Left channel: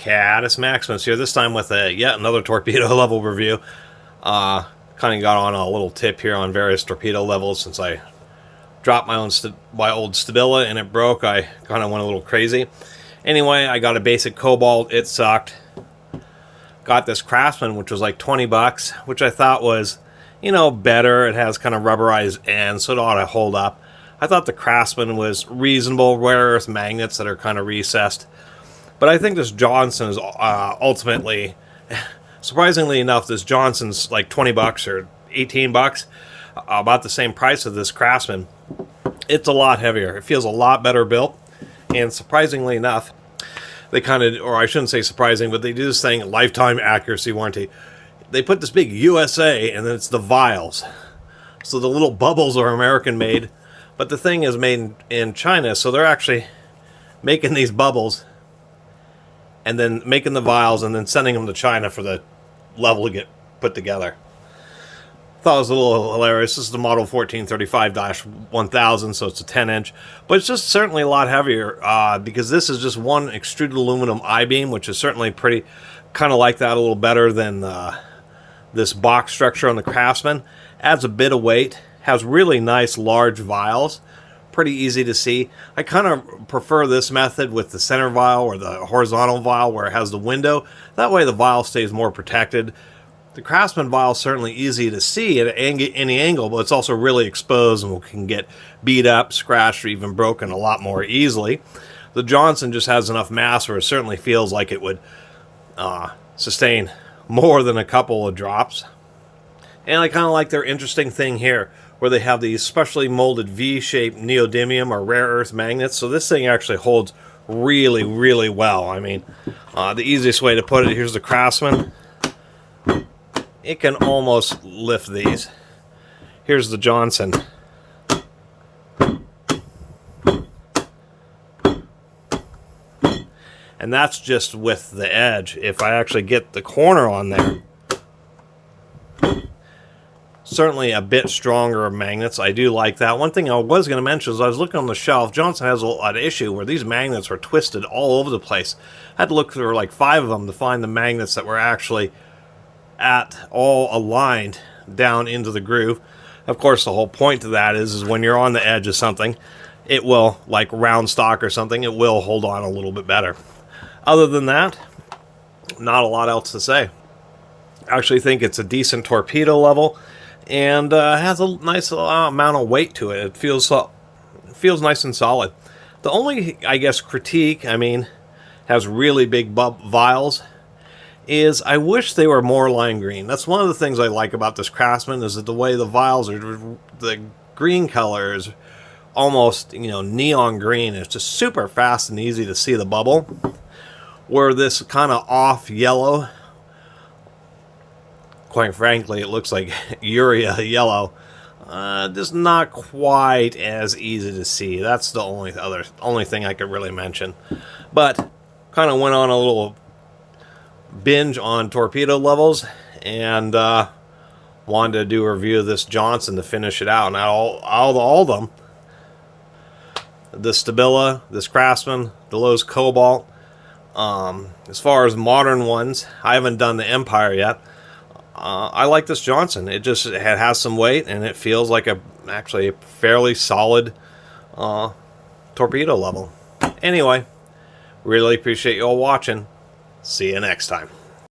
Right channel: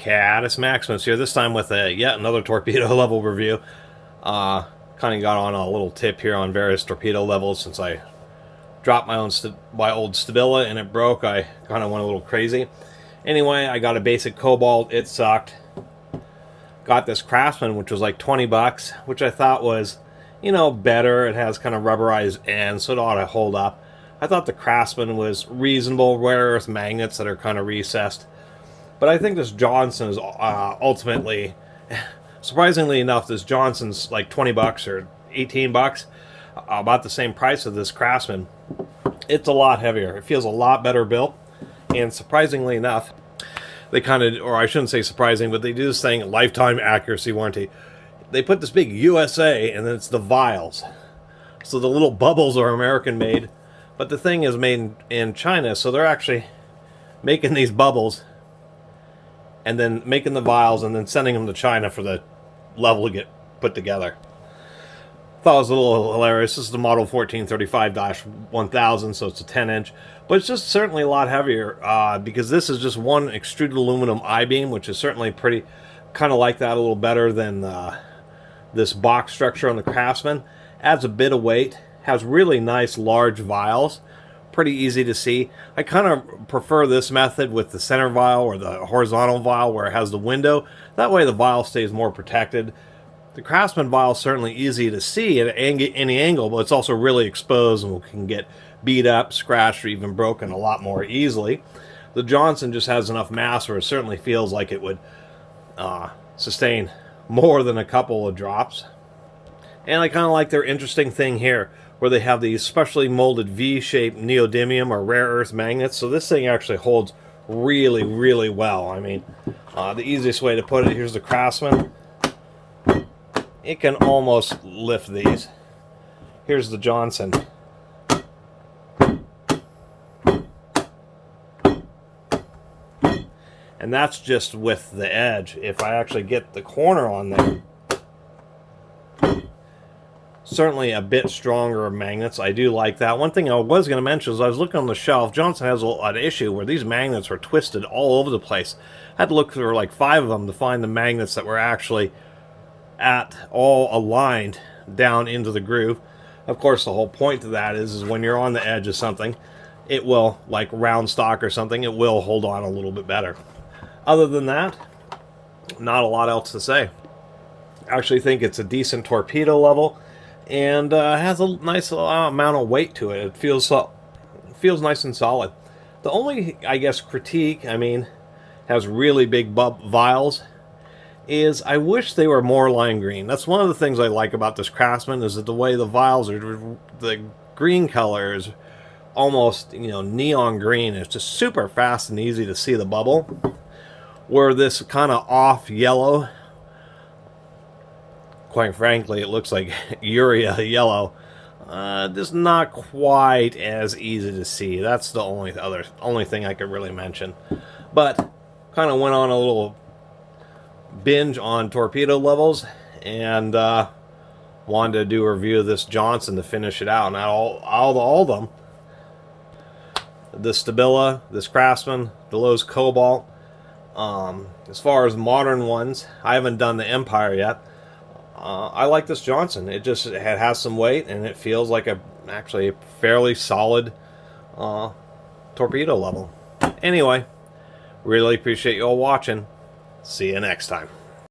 Catus Maximus here, this time with yet another torpedo level review. Kind of got on a little tip here on various torpedo levels since I dropped my old Stabila and it broke. I kind of went a little crazy. Anyway, I got a basic Cobalt. It sucked. Got this Craftsman, which was like 20 bucks, which I thought was, you know, better. It has kind of rubberized ends, so it ought to hold up. I thought the Craftsman was reasonable, rare earth magnets that are kind of recessed. But I think this Johnson is ultimately, surprisingly enough, this Johnson's like 20 bucks or 18 bucks, about the same price as this Craftsman. It's a lot heavier. It feels a lot better built. And surprisingly enough, they kind of, or I shouldn't say surprising, but they do this thing, lifetime accuracy warranty. They put this big USA, and then it's the vials. So the little bubbles are American made, but the thing is made in China, so they're actually making these bubbles and then making the vials and then sending them to China for the level to get put together. Thought it was a little hilarious. This is the model 1435-1000, so it's a 10-inch. But it's just certainly a lot heavier because this is just one extruded aluminum I-beam, which is certainly pretty, kind of like that, a little better than this box structure on the Craftsman. Adds a bit of weight, has really nice large vials, pretty easy to see. I kind of prefer this method with the center vial or the horizontal vial where it has the window. That way the vial stays more protected. The Craftsman vial is certainly easy to see at any angle, but it's also really exposed and can get beat up, scratched, or even broken a lot more easily. The Johnson just has enough mass where it certainly feels like it would sustain more than a couple of drops. And I kind of like their interesting thing here, where they have these specially molded V-shaped neodymium or rare earth magnets. So this thing actually holds really, really well. I mean, the easiest way to put it, here's the Craftsman. It can almost lift these. Here's the Johnson. And that's just with the edge. If I actually get the corner on there, certainly a bit stronger magnets. I do like that. One thing I was going to mention is I was looking on the shelf. Johnson has a lot of issue where these magnets were twisted all over the place. I had to look through like 5 of them to find the magnets that were actually all aligned down into the groove. Of course, the whole point to that is when you're on the edge of something, it will, like round stock or something, it will hold on a little bit better. Other than that, not a lot else to say. I actually think it's a decent torpedo level and has a nice amount of weight to it. It feels nice and solid. The only, I guess, critique, I mean, has really big vials, is I wish they were more lime green. That's one of the things I like about this Craftsman, is that the way the vials are, the green color is almost, you know, neon green. It's just super fast and easy to see the bubble. Where this kind of off yellow, quite frankly, it looks like urea yellow. Just not quite as easy to see. That's the only thing I could really mention. But kind of went on a little binge on torpedo levels and wanted to do a review of this Johnson to finish it out. Now all of them, the Stabila, this Craftsman, the Lowe's Cobalt. As far as modern ones, I haven't done the Empire yet. I like this Johnson. It has some weight and it feels like actually a fairly solid torpedo level. Anyway, really appreciate you all watching. See you next time.